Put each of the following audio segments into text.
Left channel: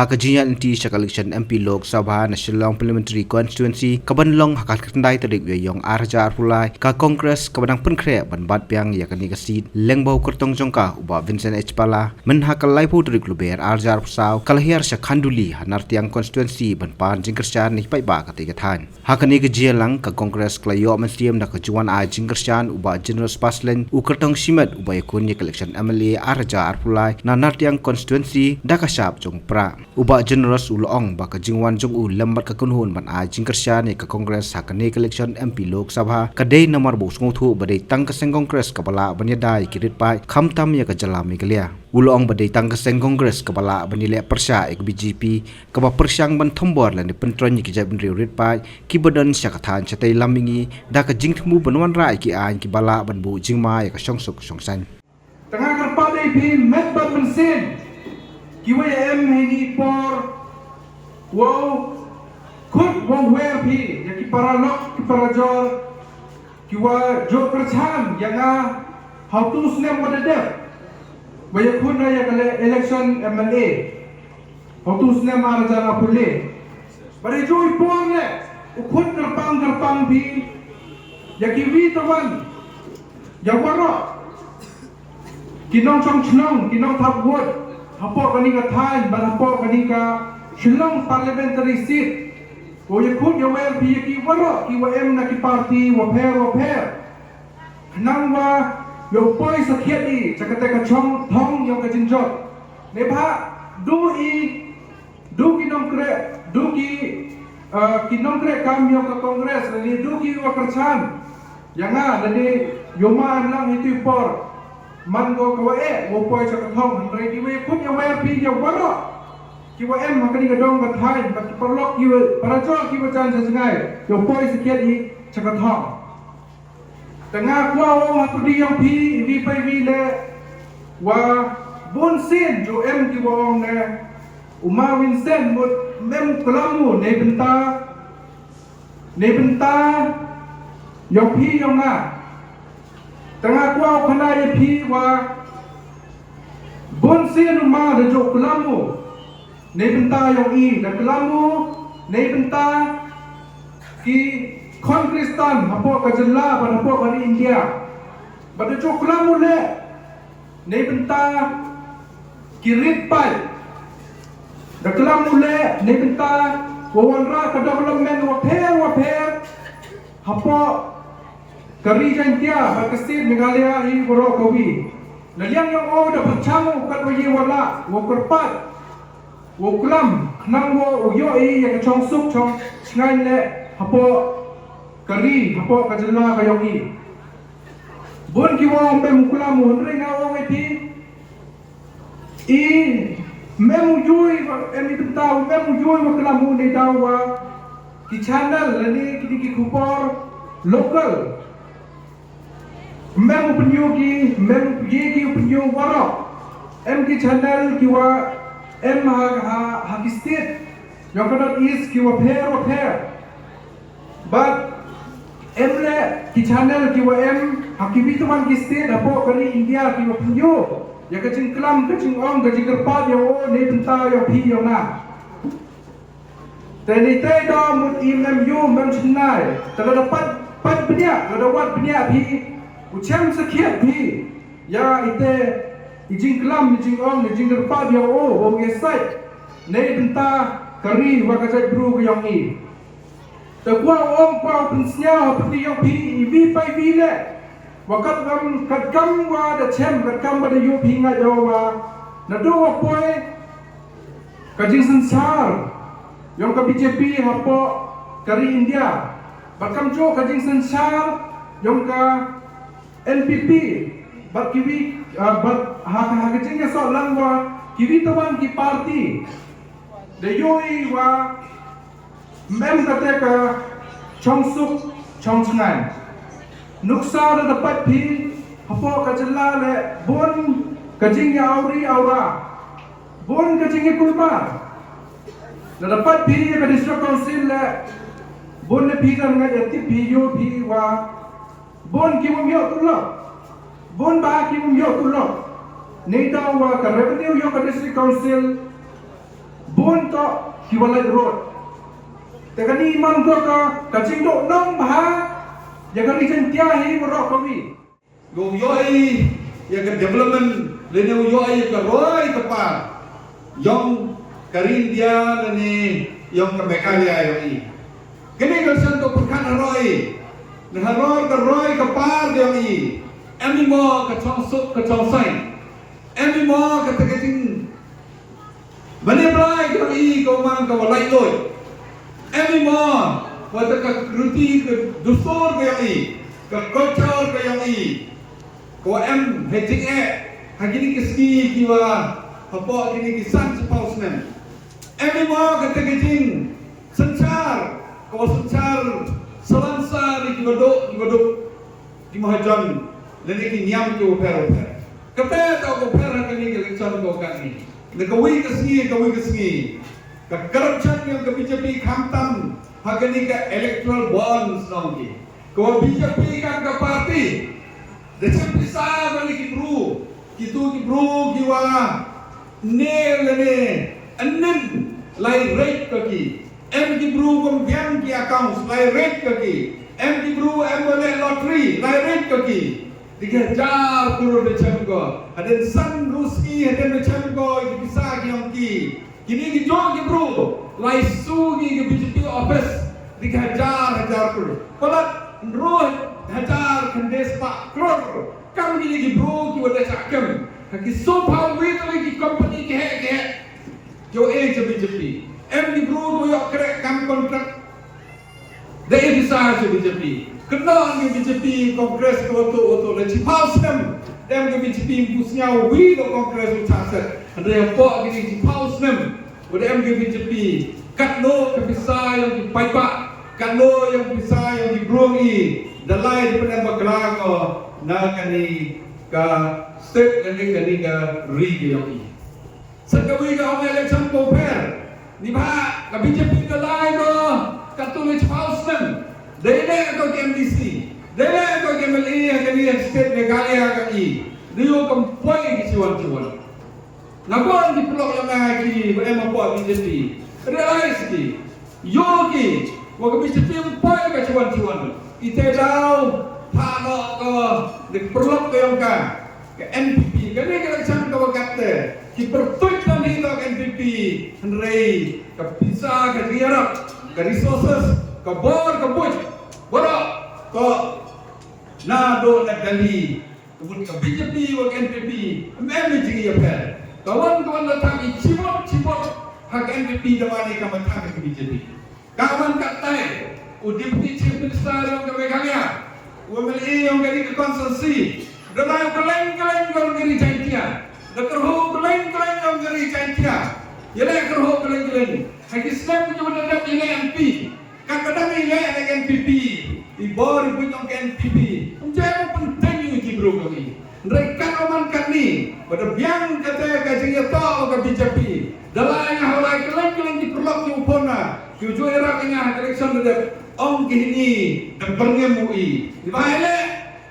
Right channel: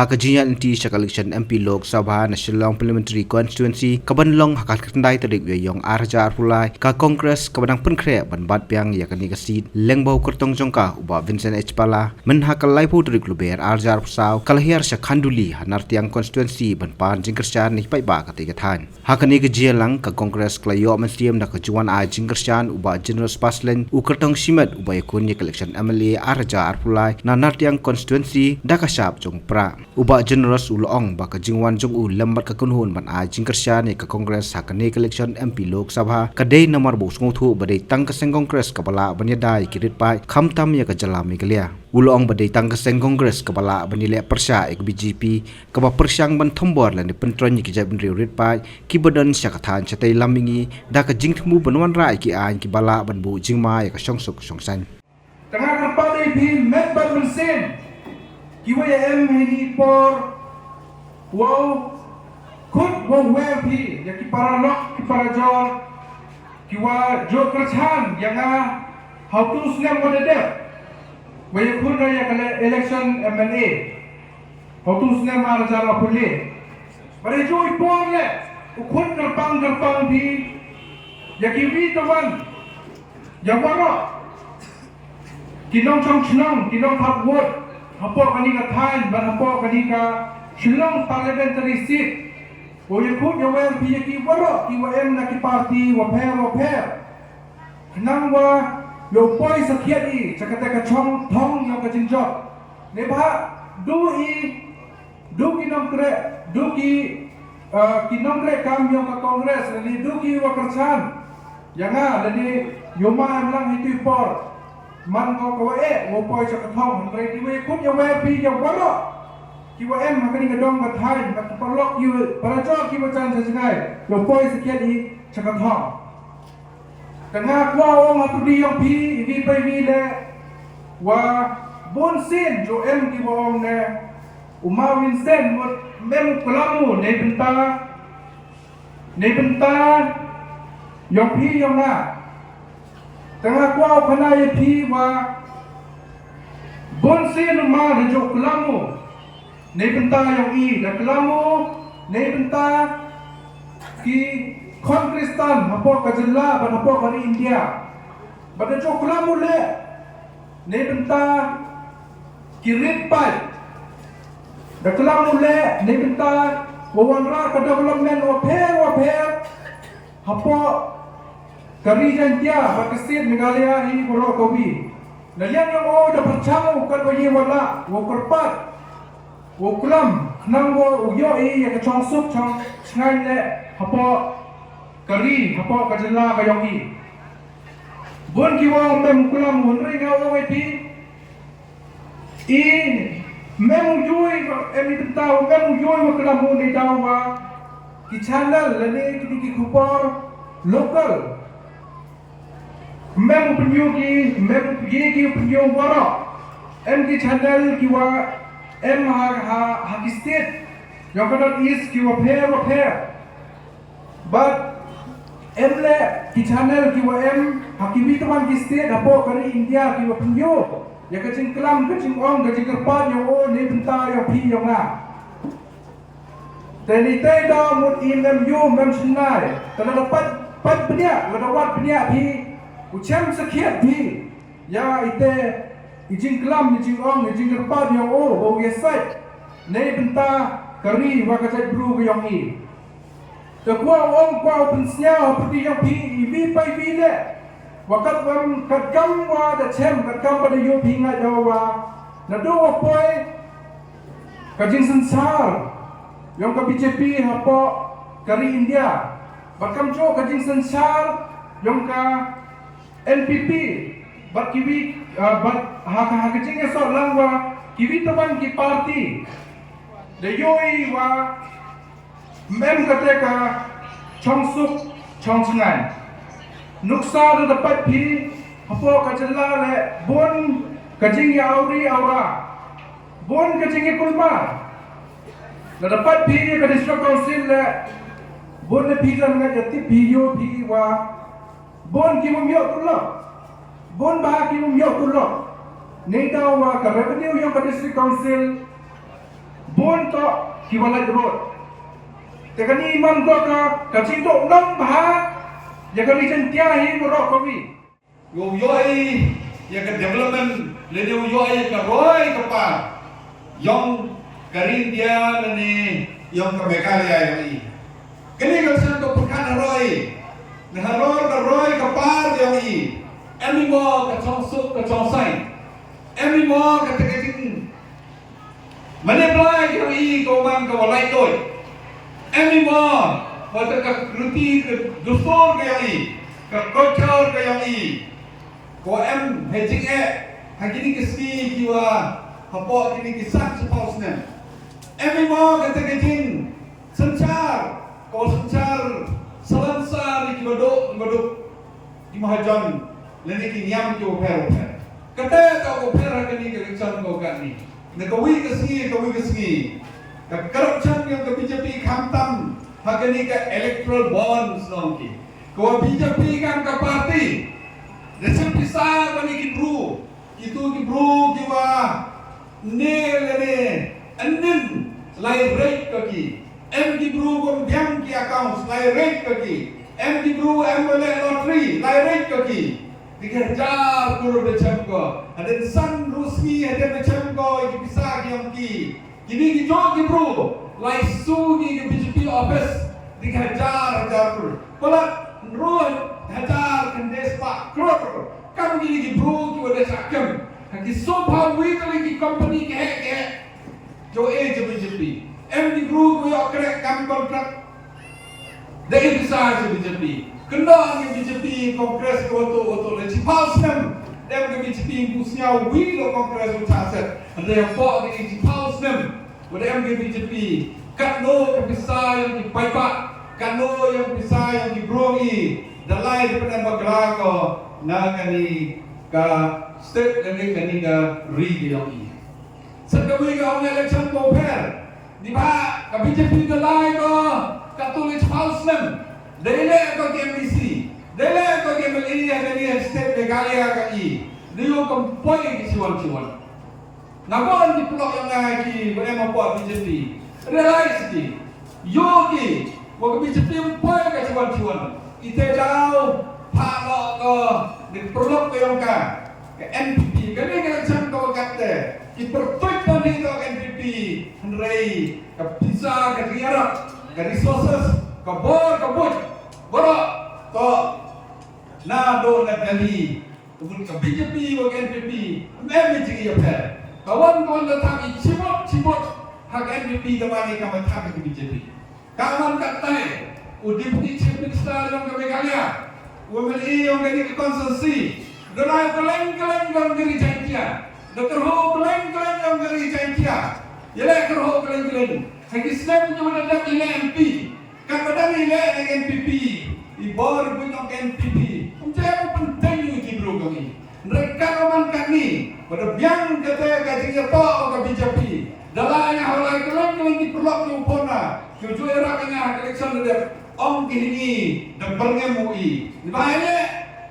hakajian inti syak election MP Lok Sabha National Parliamentary Constituency kabanlong hakat kendai terik yong arja arpulai ka Kongres kabadang penkre ban bat piang yakani kasit lengbau kertong jongka uba Vincent H Pala men hakalai pu terik luber arja arpusau kalahiar syak khanduli hanar tiang constituency ban pan jingkersan ni pai ba katiga than hakani kejialang ka Kongres klayo mensiam da kejuan a jingkersan uba General Spaslen u kertong simet uba yakun election MLA arja arpulai nanar tiang constituency da kasap jong pra uba generous ulong ba ka jingwan jong u lambat ka kunhun ban a jingkersya ni ka Kongres hakane election MP Lok Sabha kadai nomor bo snguthu badai tang ka seng Kongres kabala banyadai kirit pai khamtam ya ka jalami galia ulong badai tang ka seng Kongres kabala banile persya ek BJP ka ba persyang ban thombor lan pentron ki jab ri rit pai ki badan sya ka than chatai lamingi da ka jingthmu banwan rai ki an ki bala ban bu jingma ya ka songsuk songsan tengah kerpada ipi medbat mensin kiwa ya hini por wow kut wong wer pi ya ki para lok ki para jor kiwa jo kerchan yang how to snem pada de waya kun raya kale election MLA how to snem arjana pule bare jo ipong le ukut gerpang pi ya ki wi tawan ya warok kinong chong chnong kinong thap wot hapo kani ka thain bar hapo kani ka chnong parliamentary seat o yakut ya wer pi ki waro ki wa em na ki party wa pher nang wa yo poi sakhiat i chakate ka chong thong yo ka jinjot ne ba du kinong kre kinong kre kam yo ka Kongres ni du ki wa kerchan yanga ni yo ma lang itu por man go kawae wo poi chak thong andre ki we kut ya wer pi ya waro ki wa em makani ka dong ka thai ba parlok ki para cho ki wa chan jangai yo poi sakiat i chak thong tengah kwa ong hapdi yang pi vi pai vi le wa bon sin jo em ki wa ong ne uma Vincent mut mem klamu ne benta yo pi yo nga tengah kuau kena ye pi wa bonsin rumah de jok kelamu ne benta yang i da kelamu ne benta ki Kongrestan hapo ka jella ba hapo ka India ba de jok kelamu le ne benta ki rit pai da kelamu le ne benta wawanra ka development wa pher hapo kari jantia bakasir Meghalaya hi boro kawi naliang yang o da perchang kan waye wala wo kerpat wo klam nang wo yo i ya chong suk chong ngai le hapo kari hapo kajela ka yogi bon ki wo mem klam won ri nga wo pi i mem jui emi tau mem jui wo klam ni tau wa ki channel le ni ki kupor local mem penyogi mem yegi penyo waro em ki channel ki wa em ha ki state yang kana is ki wa pher but em le ki channel ki wa em ha ki bituan ki state apo kari India ki wa penyo ya ka ching klam ka ching ong ka ching kerpat yo o ne benta yo pi yo na teni tai do mut imem yo mem chnai ta dapat pat penia la dawat penia pi ucam sekian pi ya ite ijing klam ijing om ijing kerpat yang o gesai ne benta kari wa kajai bru yang i ta kwa om kwa pensnya pati yang pi vi pai vi le wakat kam wa da chem kat kam pada yo pi nga jo wa na do wa poi kajing sensar yang ka BJP hapo kari India bakam jo kajing sensar yang ka NPP bat kiwi bat ha kajing so lang wa kiwi tuan ki party de yoi wa mem kate ka chong suk chong chngai nuksa da dapat pi hapo kajela le bon kajing ya auri aura bon kajing kulma da dapat pi ka district council le bon le pi kan ngai ti pi yo pi wa bon ki mum yo tulok bon ba ki mum yo tulok nei daw wa ka revenue yo ka district council bon pun tok kiwalai road. Tekani imam ko ka kacing dok nong bah ya ka region tia hi ro ko wi. Yo yoi ya ka development le ne yoi ka roi ka pa. Yong karin dia le ni yong ka mekalia yoi. Kini ka san to purkan roi. Ne haror ka roi ka par dia yoi. Emi mo ka chong sok ka chong sai. Emi mo ka teketing Manipulai kami kau mang kau walai koi. Emi mo, pada ruti dusur kami, kocor kami. Kau hedging hagini kesi kiwa, apa kini kisan sepaus nem. Emi mo kata kecing, sencar, kau sencar, selansar di baduk, di mahajan, leni kinyam kau per. Kata kau per hagini keleksan kau kami. Kawi kesini, corruption yang ke BJP kamtam, hagani ke electoral bonds nanti. Kau BJP kan ke parti, resep besar bagi kita bro kiwa, ne, anen lai rate kaki, MD bro kom biang ki accounts lai rate kaki, MD bro MLA lottery lai rate kaki. Dikejar kurang macam ko. Ada san Ruski ada macam ko bisa yang ki. Kini dijol ki bro. Lai su ki BJP office dikejar kur. Pada roh hajar kandes pak kror. Kam kini ki bro ki wada cakam. Kaki sopa wait lagi company ke. Jo jo BJP. MD bro ko yo krek kam kontrak. Dai bisa je BJP. Kena yang BJP Kongres untuk le cipau senam, dem BJP pusnya wi lo Kongres ucaset, ada yang tok gini cipau senam, ada yang BJP kat lo bisa yang di paipak, kat lo yang bisa yang di brungi, dalai di pada baglago, na kani ka state kani ka region. Sekawi ka om election poper, di ba ka BJP dalai ko katu le cipau senam. Daile ko MDC, daile ko MLA kani state Meghalaya kani. Dia kompoi ki ciwan. Nabon di pulau yang lagi berema po BJP. Realize ki, yogi, wa BJP kompoi ka ciwan. Ite daw pano ko di pulau yang ka NPP. Kani kena cang ko kate. Ki perfect ni to NPP. Henry ka bisa ka diarap ka resources ka bor Bodoh, kau nado ngadali, tuhan ke BJP, ke NPP, everything you have. Kawan datang cimot, hak NPP dawani kawan hak ke BJP. Kawan katai, deputy chief minister yang ke Meghalaya, UMLA yang ke konsensi, denai keleng yang ke Jaitia, dekerho keleng yang ke Jaitia, jadi kerho keleng. Hagi Islam punya mendadak ini MP. Kadang-kadang ini NPP, ibor punya NPP. Menjadi penting uji bro kami. Mereka orang kami pada biang kata kajian tol ke BJP. Dalam yang halai keleng di perlok di upona. Tujuh era kena election ada om kini dan pengemui. Di mana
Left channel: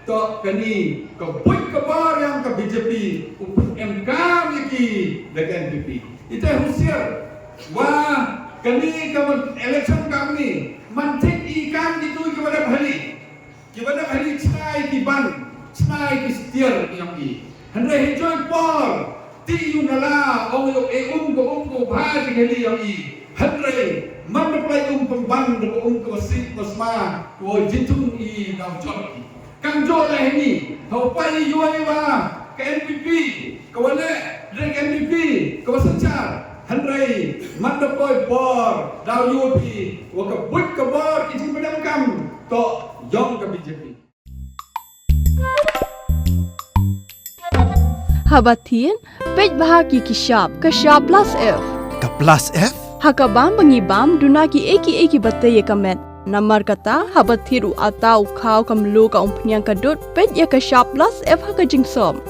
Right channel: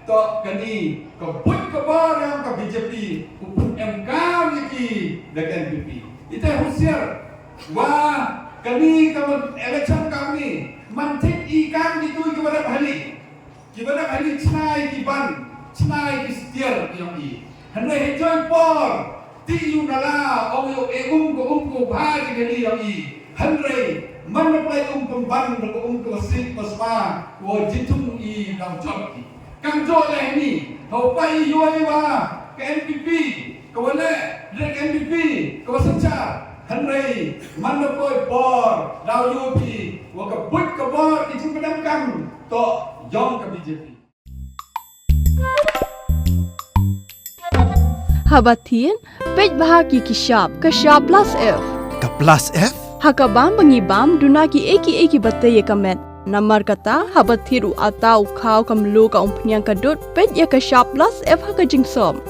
to kini kebut kebar yang ke BJP upun MK lagi dengan NPP. Itu usia. Wah. Kami kamu election kami mantik ikan itu kepada hari cai kiban cai kistir yang ini hendak hijau por ti yunala orang ko bhaji kali yang ini hendak mana play pemban ko sit kosma ko jitung i daun jod kang jod lah ini kau pai yuai ba ke NPP kau boleh dari NPP kau sencar Henry, mana poi por, dau yopi, waka buat kebar isi penangkam, to jong ke BJP. Habatin, pej bahagi kishap plus F. Ka plus F? Hakabam bangibam dunaki eki batay kamet. Namar kata habathiru atau kau kamlu ka umpnyang kadut pej ya kishap plus F hakajingsom.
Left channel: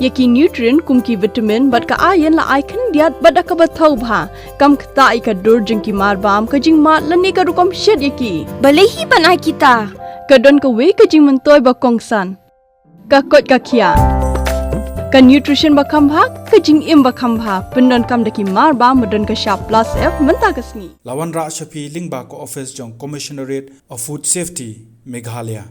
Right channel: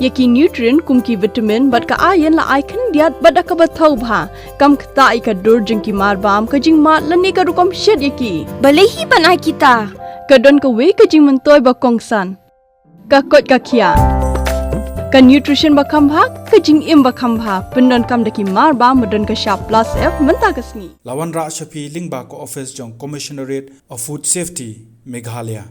Yaki nutrient kumki vitamin bat ka ayan la icon diat bat ka bathau bha kam khta ika dur jingki marbam ka jing mat lani ka rukom shed yaki balehi banai kita ka don ka we ka jing mentoy ba kongsan ka kot ka khia Ka nutrition bakam bha ka jing im bakam bha pendon kam daki mar ba modon ka sharp plus F menta kasni. Lawan Ra Shafi Lingba ko office jong Commissionerate of Food Safety Meghalaya.